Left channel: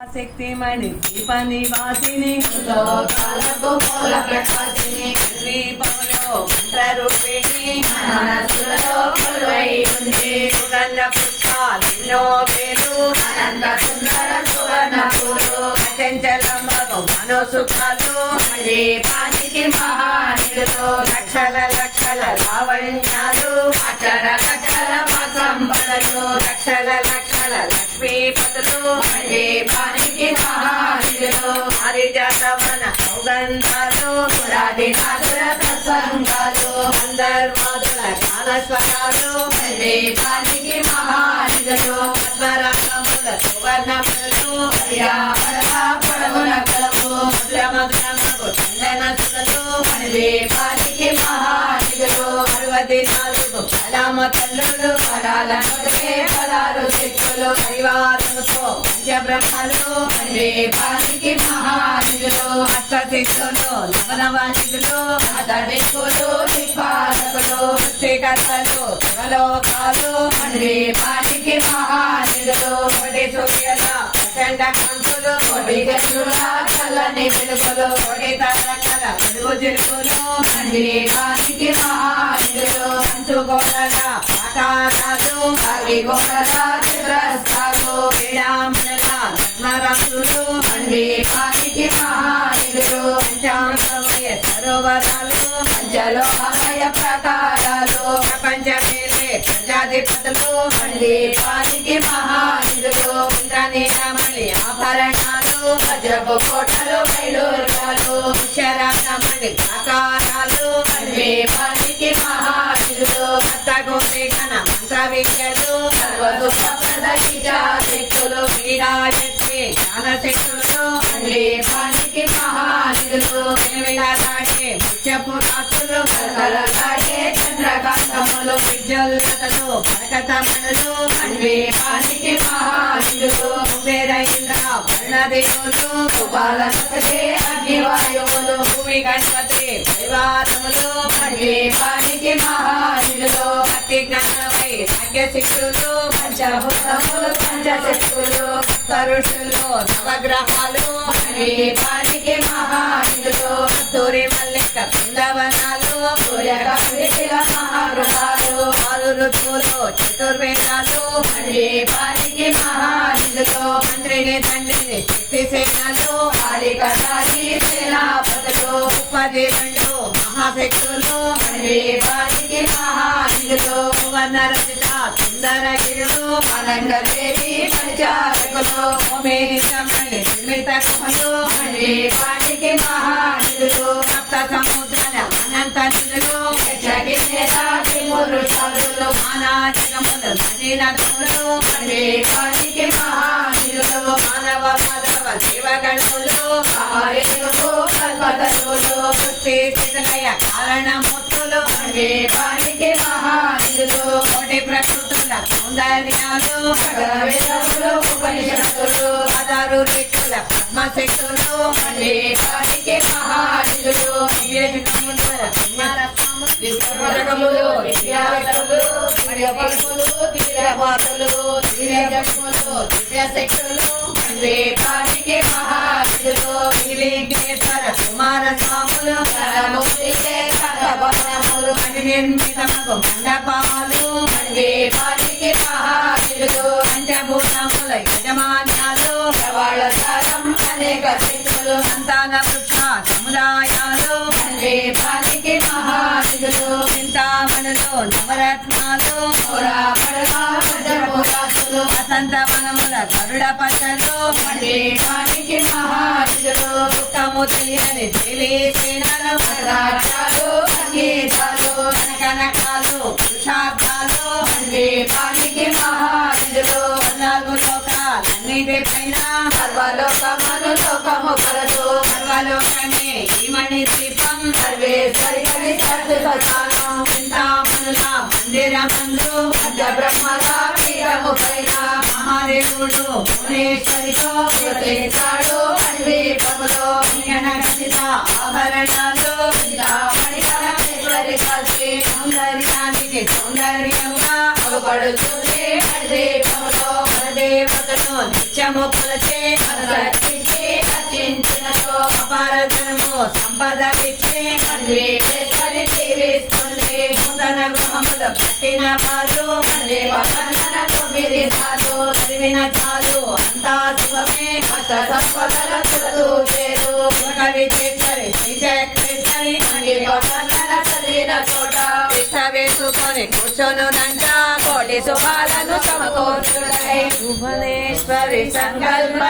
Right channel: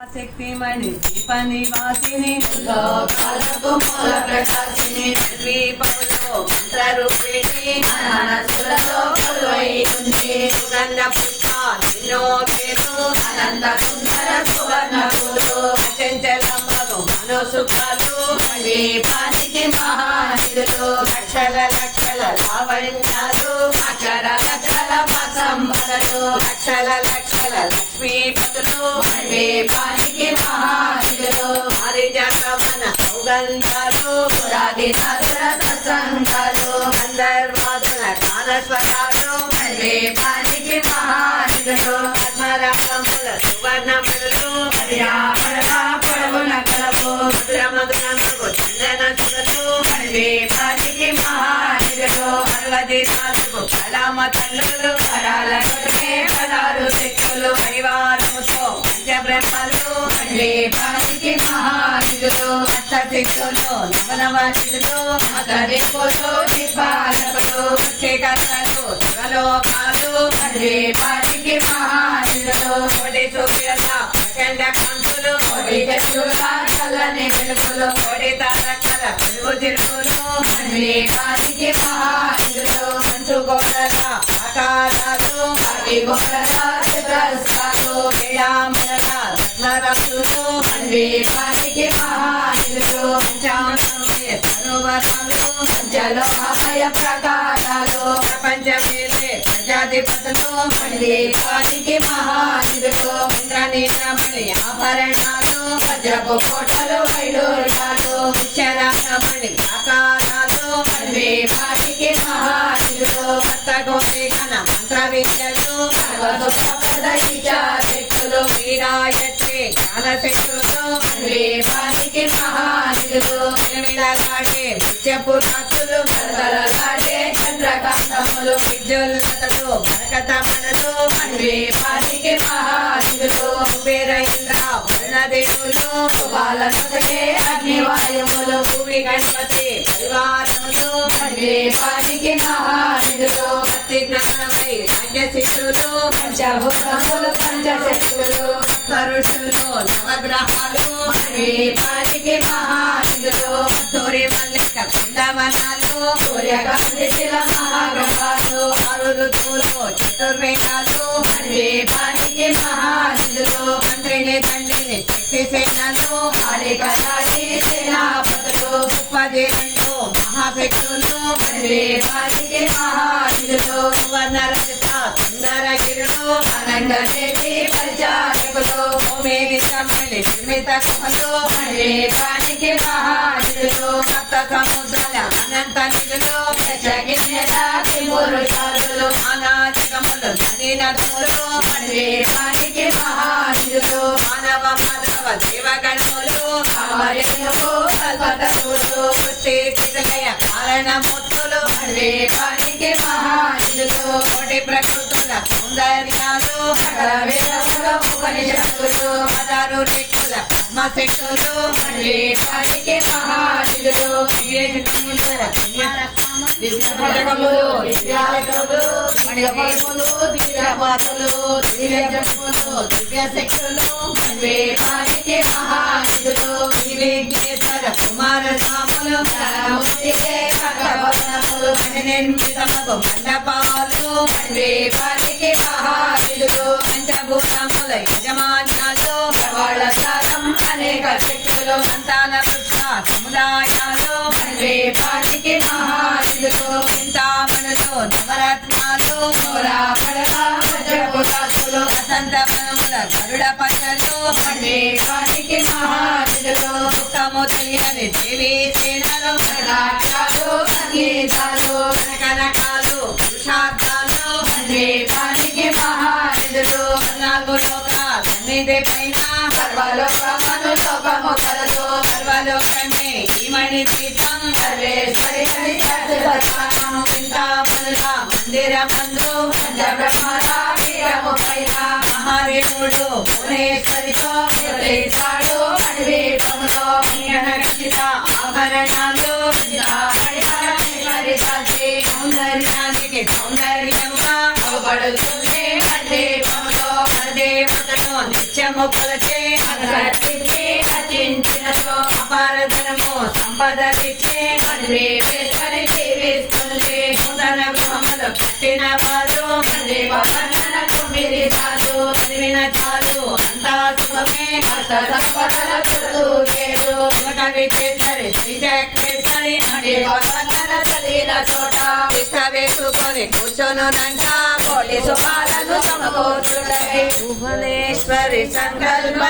శక్తిమణి దీప నివాసిని లోకాలకు మూల ప్రకాశిని ద్వీపంలో మనసులలో కొలువై ఉంది సుగంధ పేరు అనంత సుందర మనోసుఖాలు దీపానికి మహానిధులు లక్షల లక్షల లావణ్యాలు అక్షర లక్షల సంపదలు లక్షల లక్షల లక్ష్మీపతులు మహానిధులు సౌగంధాలు పురాది నాదుల అందర్మాదుల గానస్వరాలు దీపానికి మహానిధులు పద్మరాగముల సువర్ణములు. పర్యావరణ పొడవున కలవు మధుర మధురములకు చందన సుగలు దీపానికి మహానిధులు అరవది నాలుగు రామ తల్లులు పదాల పదాలు శక్తులు పరివారముతో పంచబ్రహ్మలు దీపానికి మహానిధులు అష్టశిక్షులు నవనవాసితులు అతడిక్కులు నిపాలకులు శ్రీకర్తలు శివలోకాలు దీపానికి మహానిధులు కోటి సూర్యత ప్రచండ కంతులు కోటి చంద్రుల చల్లని వెలుగులు తరకల పిలుపు తిరుగులు చిరుకులు దీపానికి మహానిధులు. పంచుగోడల ఆకారాలు అగి గొప్పల చిత్రస్థాలు శ్రీరామల రత్నరసులు దీపానికి మహానిధులు పంచామృతమయ సరోవరాలు పంచలోహమయ ప్రకారాలు ప్రపంచమేలే ప్రజాధిపతులు దీపానికి మహానిధులు ఇంద్రనీలమణి ఆభరణాలు వజ్రపు కోటలు వైడూర్యాలు శరాకమణి ఆకారాలు దీపానికి మహానిధులు భక్తగోటి మంత్ర విద్యలు శక్తులు వీరాయత్రి జ్ఞానశక్తులు దీపానికి మహానిధులు విలవిలలాడే ముత్యపు రాత్రులు దాటే చంద్రకాంతములు విద్యుల్లతలు బరకతమణులు దీపానికి మహానిధులు కుబేర ఇంద్ర వర్ణదేవులు బాలనొకటే అగ్నివాయువులు భూమి గణపతి పరివారములు. దీపానికి మహానిధులు భక్తి జ్ఞానమై భాగ్యశిష్యులు పంచభూతములు పంచశక్తులు. సరుషులు నవగ్రహాలు దీపానికి మహానిధులు సూర్య మల్లిక బృందావనాలు సూర్యకాంతి మహాగ్రహాలు ఆరు ఋతువులు చతుర్వేదాలు దీపానికి మహానిధులు మంత్రిని తండ్రిని శక్తి సేనలు కాళికటారి సేనాపతులు ఉపాధి రెండు మహాశక్తులు దీపానికి సువర్ణ రచిత సుందరగిరులు అనంతదేవి పరిచారకులు భూమిరితమణి నిర్మిత కుహలు దీపానికి మహానిధులు సప్త సముద్రాల అనంత నిధులు పురుషాలు నానా జగములు నదీ నదులు దీపానికి మహానిధులు మానవ మాధవ జీవగణములు ఆర్యులు కల్పతరులు వృత్తి స్థితిలయ కారణమూర్తులు దీపానికి మహానిధులు కోటి ప్రకృతుల సౌందర్యాలు సకల వేదములు ఉపనిషత్తులు పదహారు రేఖల పద్మశక్తులు దీపానికి మహానిధులు వివేకములు దివ్యములు దివ్యాలయములు దివ్యములు దివ్యమాతలు దివ్యజములు దివ్యశక్తులు దీపానికి మహానిధులు విఘ్నేశ్వర కుమార స్వాములు కరముక్తికే కనకవనములు నిర్మితమగు మండపాలు దీపానికి మహానిధులు పంచభూతముల సంతాన వృక్ష సముదాయాలు దీపానికి మహానిధులు చింతామణులు నవరత్నాలు పురాపడల వసంత వనముల గరుడ దుఃఖము తెలియని సేనలు సంగీతాలు పురుషార్థాలు నాలుగు లోకాలన్నిటి పైన సర్వలోకమును లోకము సర్వలోకమే ఈ మణి దీపం సర్వేశ్వరి పీఠము పైన మహాదేవుడు భువనేశ్వరితో ఆభరణాలు సౌందర్యానికి నిత్యము దేవతను నిత్య హృదయము అపార ధనము సంపద ఇచ్చి జీవిస్తుంది నూతన గృహములు కట్టిన పాలు తొమ్మిది చదివిన చాలు అంతా శుభమే సంపదల చుట్టూ చేరు కవి చేసరి పక్కన చదివిన చోట ఇష్ట వేసుకొని కూర్చొనునంట కోటి సుఖాలను సమకూర్చుడై భువనేశ్వరి సంకల్ప